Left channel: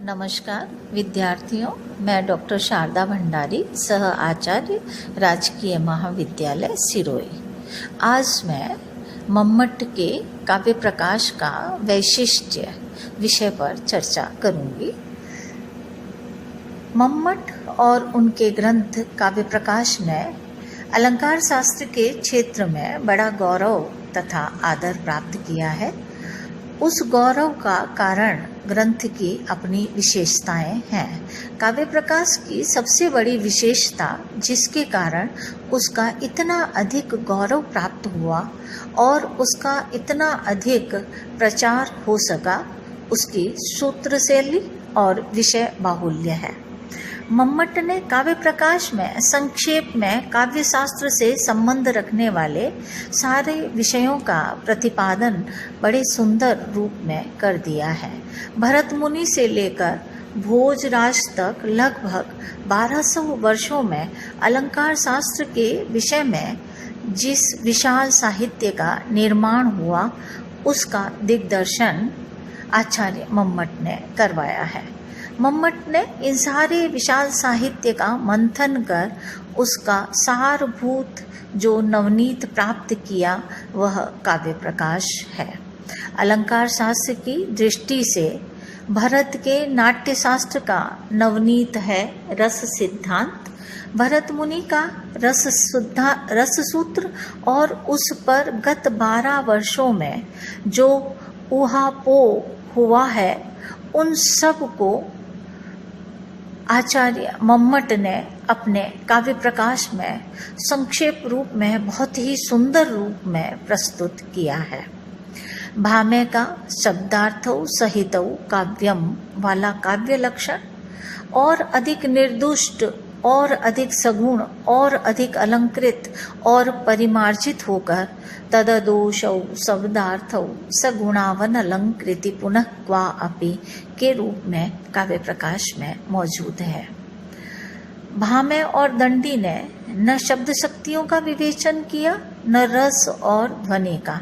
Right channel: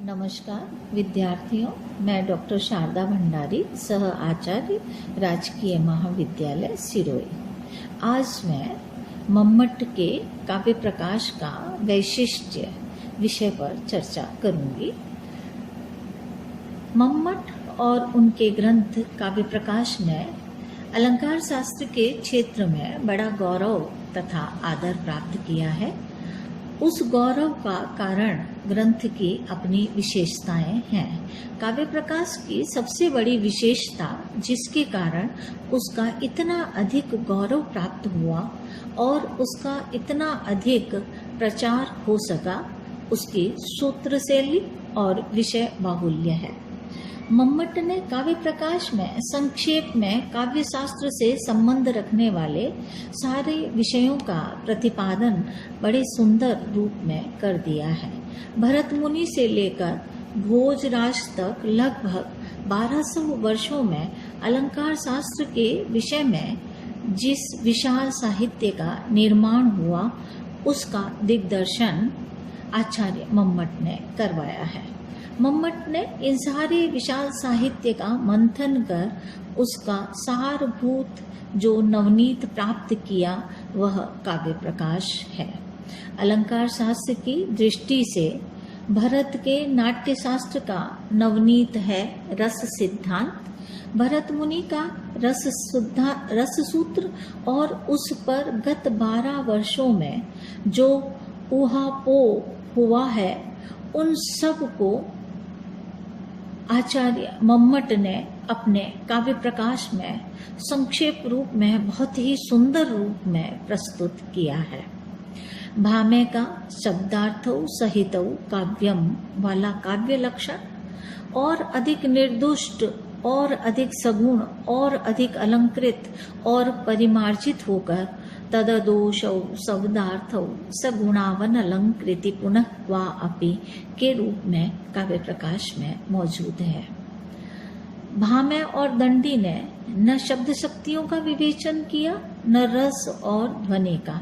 नमस्कार विद्यार्थियों, मैं डॉक्टर शारदा भंडारी, सह आचार्य राजकीय महाविद्यालय सिरोही। आज मैं मम्मट के काव्य प्रकाश का वैशिष्ट्य विषय पर चर्चा करूंगी। मम्मट और उनके ग्रंथ काव्य प्रकाश ने अलंकार शास्त्र के क्षेत्र में बड़ा गौरव तथा आदर प्राप्त किया है। उस गौरव का कारण ग्रंथ की अपनी विशेषताएं हैं। काव्य प्रकाश की सबसे बड़ी विशेषता, जिसके कारण उसका इतना अधिक गौरव प्राप्त हुआ और उसका इतना अधिक प्रचार हो सका, उसकी सूत्र शैली और विषय बाहुल्य है। मम्मट ने काव्य प्रकाश में संक्षेप में काव्य शास्त्र से संबंध रखने वाले सारे विषयों का प्रतिपादन बड़े सुंदर रूप में कर दिया है। भरत मुनि से लेकर भोजराज तक लगभग 1200 वर्षों में अलंकार शास्त्र के विषय में जिस विशाल साहित्य का निर्माण हुआ, उसका दिग्दर्शन आचार्य मम्मट ने करवाया है। मम्मट ने इन सारे विशाल साहित्य का मंथन कर उसका सारभूत जो नवनीत प्राप्त किया, वह काव्य प्रकाश है। अलंकार शास्त्र की दृष्टि से भरत के नाट्य शास्त्र का नवनीत है रस सिद्धांत। भरत मुनि का रस सूत्र और उस पर गत 12 वर्षों में जो ऊहापोह हुआ है, उन सब को आचार्य मम्मट ने अपने काव्य प्रकाश में संक्षेप रूप में बहुत ही सुंदर रूप में प्रस्तुत किया है। भामे का शब्दार्थौ सहितौ काव्यम वाला काव्य लक्षण और अधिक निर्दुष्ट और अधिक सगुण और अधिक अलंकृत और परिमार्जित होकर तददोषौ शब्दार्थौ सगुणावन अलंकृति पुनः क्वा अपि के रूप में काव्य प्रकाश में मौजूद है। भामे और दंडी ने न शब्द शक्तियों का विवेचन किया, न रस और ध्वनि का,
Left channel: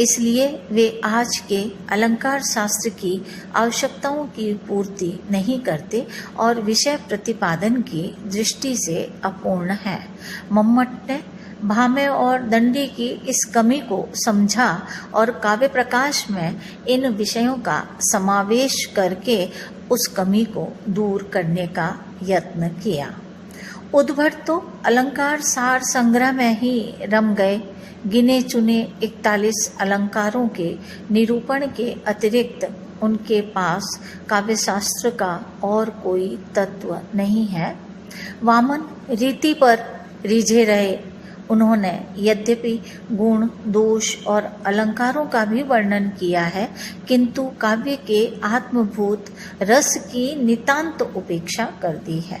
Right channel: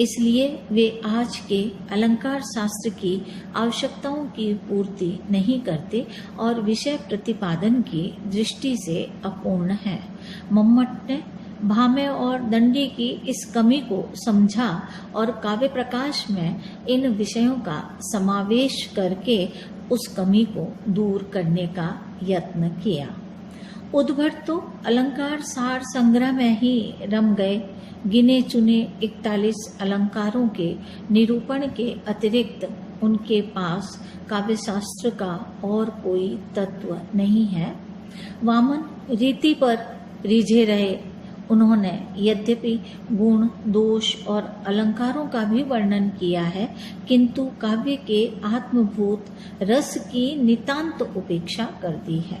इसलिए वे आज के अलंकार शास्त्र की आवश्यकताओं की पूर्ति नहीं करते और विषय प्रतिपादन की दृष्टि से अपूर्ण है। मम्मट ने भामे और दंडी की इस कमी को समझा और काव्य प्रकाश में इन विषयों का समावेश करके उस कमी को दूर करने का यत्न किया। उद्भट तो अलंकार सार संग्रह में ही रम गए। गिने चुने 41 अलंकारों के निरूपण के अतिरिक्त उनके पास काव्य शास्त्र का और कोई तत्व नहीं है। वामन रीति पर रिझे रहे। उन्होंने यद्यपि गुण, दोष और अलंकारों का भी वर्णन किया है, किंतु काव्य के आत्मभूत रस की नितांत उपेक्षा कर दी है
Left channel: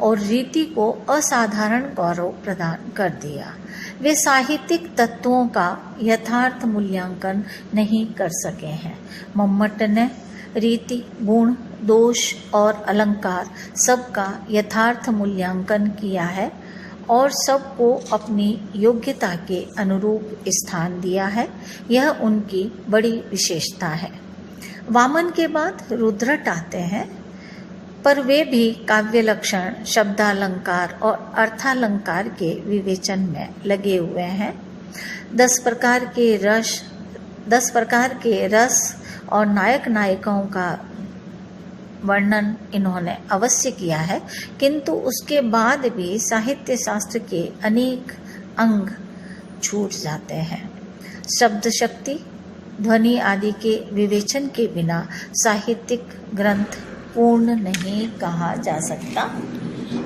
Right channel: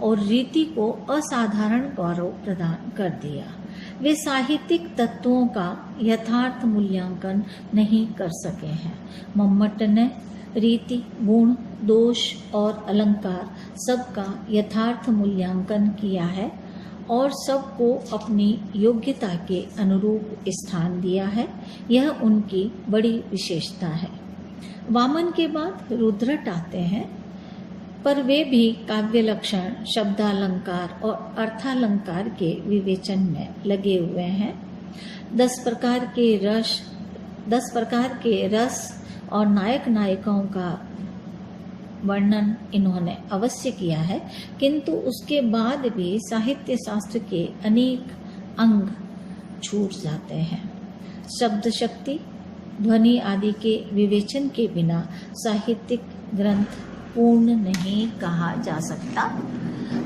और रीति को असाधारण गौरव प्रदान कर दिया। वे साहित्यिक तत्वों का यथार्थ मूल्यांकन नहीं कर सके हैं। मम्मट ने रीति, गुण, दोष और अलंकार सबका यथार्थ मूल्यांकन किया है और सबको अपनी योग्यता के अनुरूप स्थान दिया है। यह उनकी बड़ी विशेषता है। वामन के बाद रुद्रट आते हैं, पर वे भी काव्य लक्षण, शब्दालंकार और अर्थालंकार के विवेचन में लगे हुए हैं। 10 प्रकार के रस और नायक नायिकाओं का वर्णन इन्होंने अवश्य किया है, किंतु उसके बाद भी साहित्य शास्त्र के अनेक अंग छूट जाते हैं। शब्द शक्ति, ध्वनि आदि के विवेचन के बिना साहित्यिक ग्रंथ पूर्ण नहीं कहा जा सकता।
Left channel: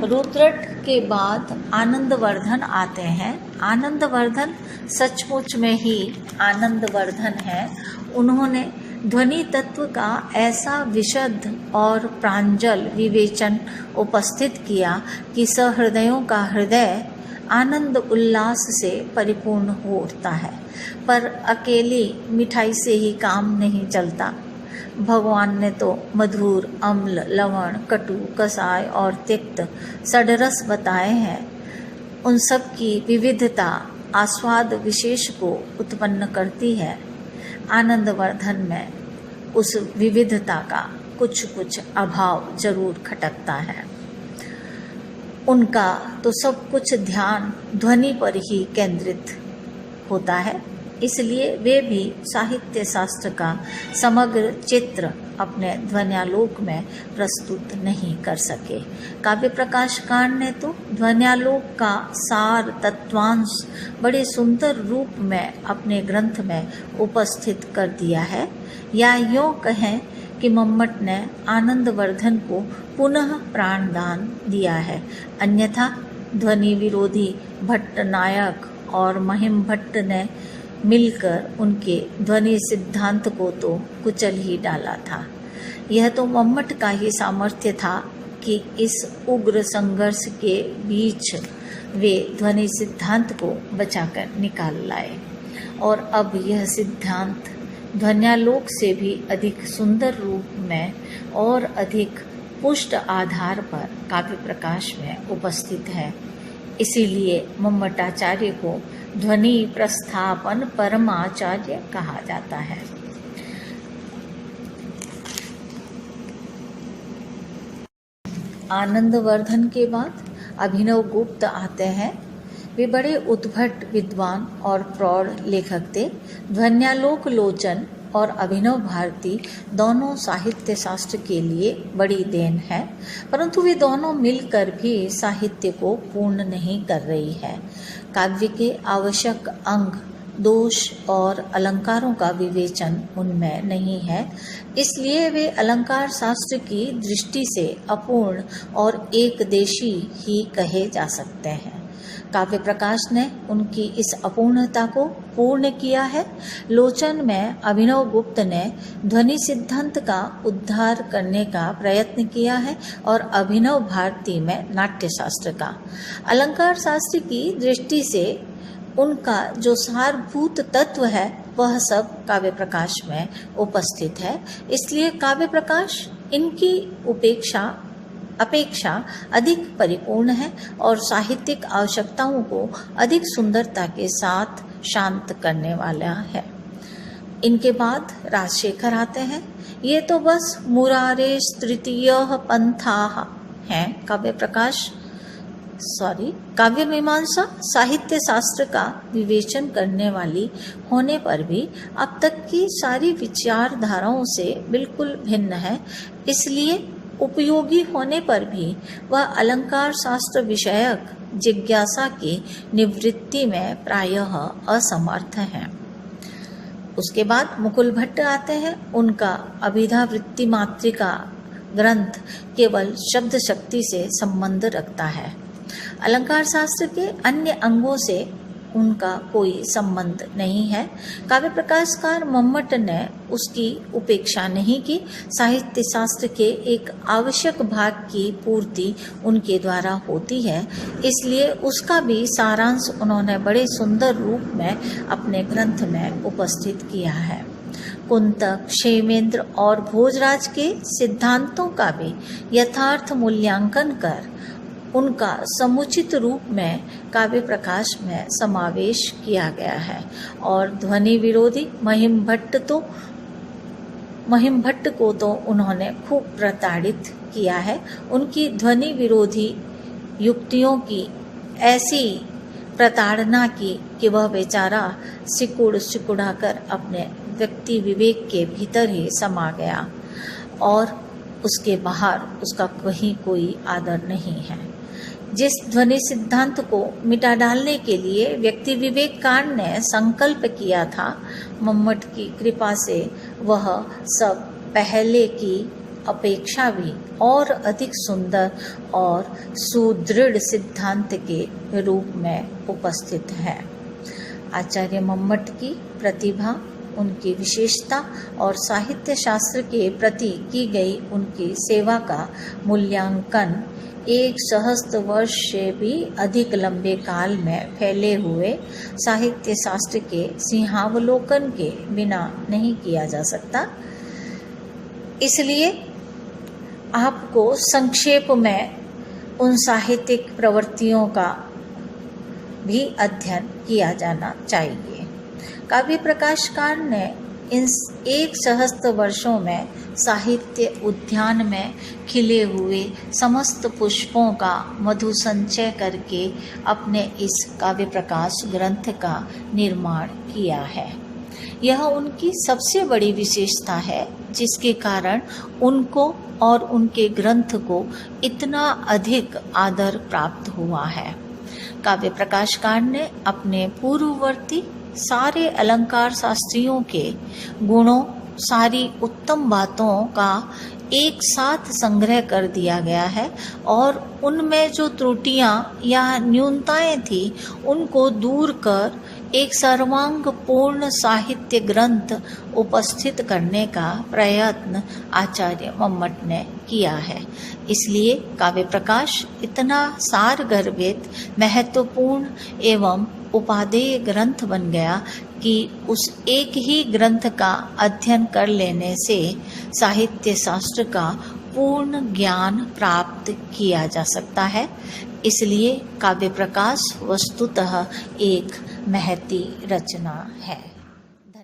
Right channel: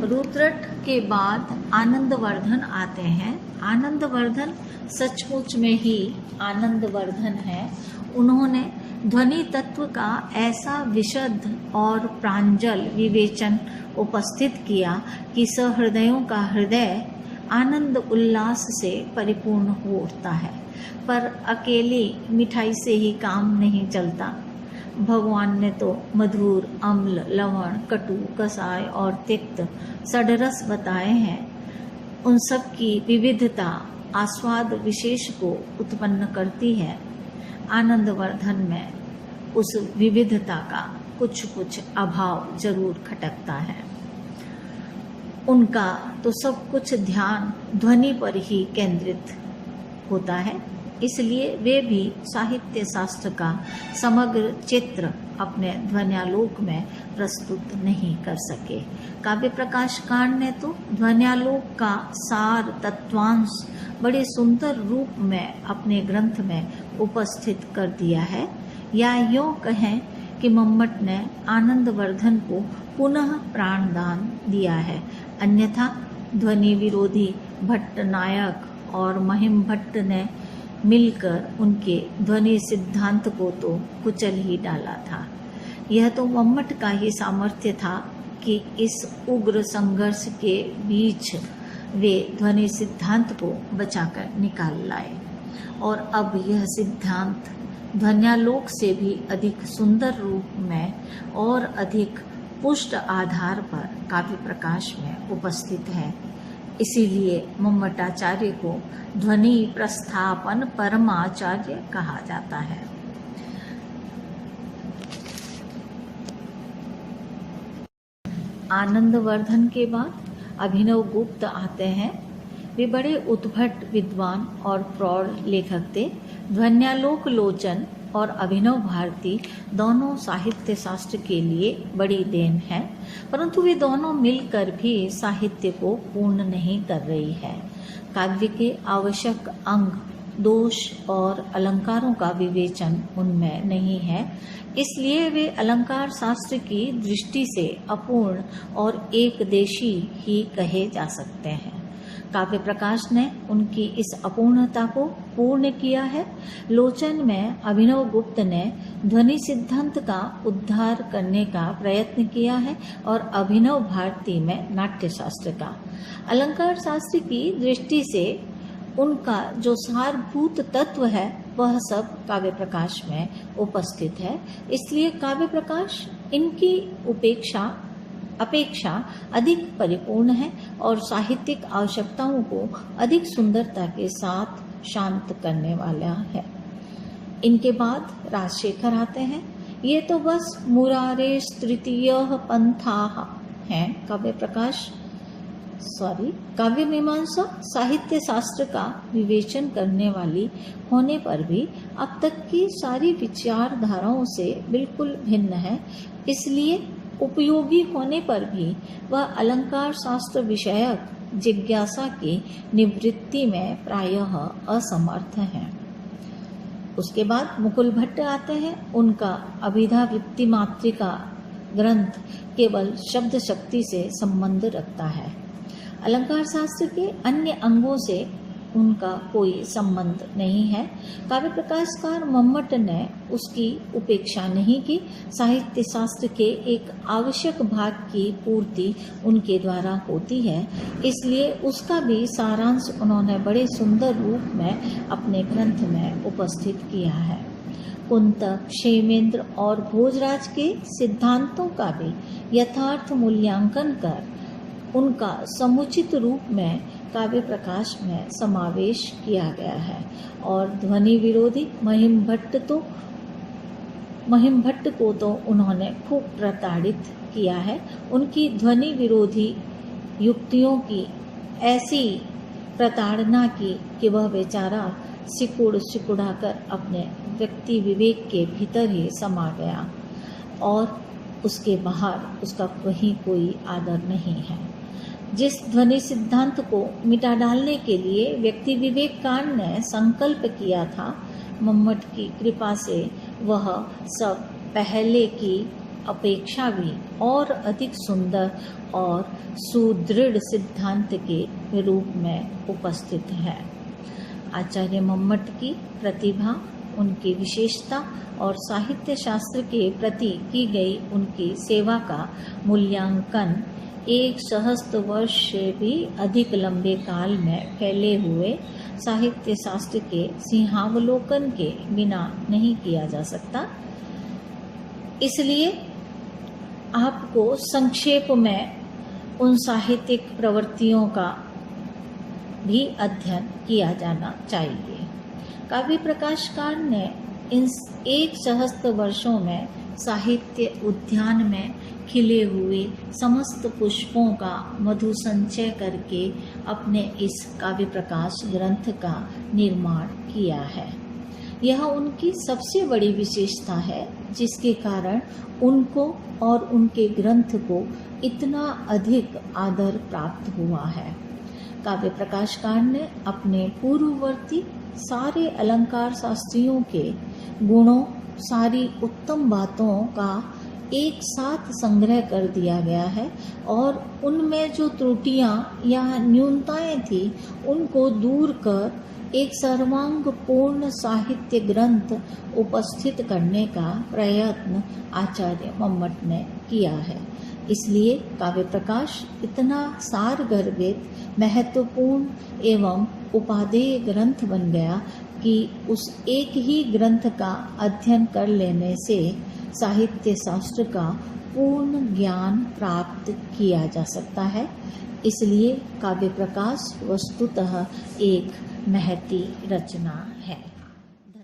रुद्रट के बाद आनंदवर्धन आते हैं। आनंदवर्धन सचमुच में ही आनंदवर्धन है। उन्होंने ध्वनि तत्व का ऐसा विशद और प्रांजल विवेचन उपस्थित किया कि सहृदयों का हृदय आनंद उल्लास से परिपूर्ण हो उठता है। पर अकेली मिठाई से ही काम नहीं चलता। भगवान ने तो मधुर, अम्ल, लवण, कटु, कसाय और तिक्त षड्रस बताए हैं। उन सब की विविधता आस्वाद विशेष को उत्पन्न करती है। आनंदवर्धन में उस विविधता का कुछ कुछ अभाव जरूर खटकता है। उनका तो सब कुछ ध्यान ध्वनि पर ही केंद्रित होता है, इसलिए वे भी साहित्य शास्त्र का समग्र चित्र अपने ध्वन्यालोक में प्रस्तुत नहीं कर सके। काव्य प्रकाशकार ने तो ध्वन्यालोक का सार तत्वांश बड़े सुंदर रूप में अपने ग्रंथ में उपस्थित कर दिया है, या यूँ कहें कि मम्मट ने आनंदवर्धन को पुनः प्राणदान दिया है। अन्यथा ध्वनि विरोधी भट्टनायक और महिम भट्ट ने मिलकर उनके ध्वनि सिद्धांत को तो कुचल ही डाला था। यह तो मम्मट का ही सामर्थ्य था कि इस उग्र संघर्ष के बीच वे ध्वनि सिद्धांत को बचाकर निकाल लाए, और अब यह सिद्धांत ध्वन्यालोक से भी अधिक सुंदर रूप में और अधिक पुष्ट आधार पर काव्य प्रकाश में उपस्थित है। इसीलिए मम्मटाचार्य को ध्वनि प्रस्थापन परमाचार्य कहा जाता है। आनंदवर्धन के बाद अभिनव गुप्त आते हैं। वे बड़े उद्भट विद्वान और प्रौढ़ लेखक थे। ध्वन्यालोक लोचन और अभिनव भारती दोनों साहित्य शास्त्र के लिए बड़ी देन है, परंतु वे दोनों मिलकर भी साहित्य को पूर्ण नहीं कर रही है। काव्य के आवश्यक अंग, दोष और अलंकारों का विवेचन उनमें नहीं है, इसलिए वे अलंकार शास्त्र की दृष्टि से अपूर्ण और एकदेशी ही कहे जा सकते हैं। काव्य प्रकाश ने उनकी इस अपूर्णता को पूर्ण किया है। लोचन में अभिनव गुप्त ने ध्वनि सिद्धांत का उद्धार करने का प्रयत्न किया है और अभिनव भारती में नाट्य शास्त्र का। अलंकार शास्त्र की दृष्टि से उनका जो सारभूत तत्व है वह सब काव्य प्रकाश में उपस्थित है, इसलिए काव्य प्रकाश इनकी अपेक्षा अधिक परिपूर्ण है और साहित्यिक आवश्यकताओं को अधिक सुंदरता के साथ शांत करने वाला है। इनके बाद राजशेखर आते हैं। ये तो बस मुरारेश तृतीयः पंथाः हैं। काव्य मीमांसा साहित्य शास्त्र का विवेचन करने वाली होने पर भी अब तक की सारी विचारधाराओं से बिल्कुल भिन्न है, इसलिए उपयोगी होने पर भी वह अलंकार शास्त्र विषयक जिज्ञासा की निवृत्ति में प्रायः असमर्थ हैं। उसके बाद मुकुल भट्ट आते हैं। उनका अभिधावृत्ति मात्रिका ग्रंथ केवल शब्द शक्ति से संबंध रखता है। अलंकार शास्त्र के अन्य अंगों से उनका कोई संबंध नहीं है। काव्य प्रकाशकार मम्मट ने उसकी उपेक्षा नहीं की। साहित्य शास्त्र के एक आवश्यक भाग की पूर्ति उनके द्वारा होती है, इसलिए उसका भी सारांश उन्होंने बड़े सुंदर रूप में अपने ग्रंथ में उपस्थित किया है। कुंतक, क्षेमेंद्र और भोजराज के सिद्धांतों का भी यथार्थ मूल्यांकन कर उनका समुचित रूप में काव्य प्रकाश में समावेश किया गया है। और ध्वनि विरोधी महिम भट्ट को तो उन्होंने खूब प्रताड़ित किया है। उनकी ध्वनि विरोधी युक्तियों की ऐसी प्रताड़ना की कि वह बेचारा सिकुड़ा कर अपने व्यक्ति विवेक के भीतर ही समा गया और उसके बाहर उसका कहीं कोई आदर नहीं है। जिस ध्वनि सिद्धांत को मिटा डालने के लिए व्यक्ति विवेककार ने संकल्प किया था, मम्मट की कृपा से वह सब पहले की अपेक्षा भी और अधिक सुंदर और सुदृढ़ सिद्धांत के रूप में उपस्थित है। आचार्य मम्मट की प्रतिभा, उनकी विशेषता और साहित्य शास्त्र के प्रति की गई उनकी सेवा का मूल्यांकन 1 सहस्त्र वर्ष से भी अधिक लंबे काल में फैले हुए साहित्य शास्त्र के सिंहावलोकन के बिना नहीं किया जा सकता। इसलिए आपको संक्षेप में उन साहित्यिक प्रवृत्तियों का भी अध्ययन किया जाना चाहिए। काव्य प्रकाशकार ने इन 1 सहस्त्र वर्षों में साहित्य उद्यान में खिले हुए समस्त पुष्पों का मधु संचय करके अपने इस काव्य प्रकाश ग्रंथ का निर्माण किया है। यह उनकी सबसे बड़ी विशेषता है, जिसके कारण उनको और उनके ग्रंथ को इतना अधिक आदर प्राप्त हुआ है। काव्य प्रकाशकार ने अपने पूर्ववर्ती सारे अलंकार शास्त्रियों के गुणों, सारी उत्तम बातों का एक साथ संग्रह कर दिया गया है और उनमें जो त्रुटियां या न्यूनताएं थी उनको दूर कर एक सर्वांग पूर्ण साहित्य ग्रंथ उपस्थित करने का प्रयत्न आचार्य मम्मट ने किया है। इसलिए काव्य प्रकाश इतना सार गर्भित, महत्वपूर्ण एवं उपादेय ग्रंथ बन गया कि उस एक ही ग्रंथ का अध्ययन कर लेने से साहित्य शास्त्र का पूर्ण ज्ञान प्राप्त किया जा सकता है। इसलिए काव्य प्रकाश वस्तुतः एक महती रचना है।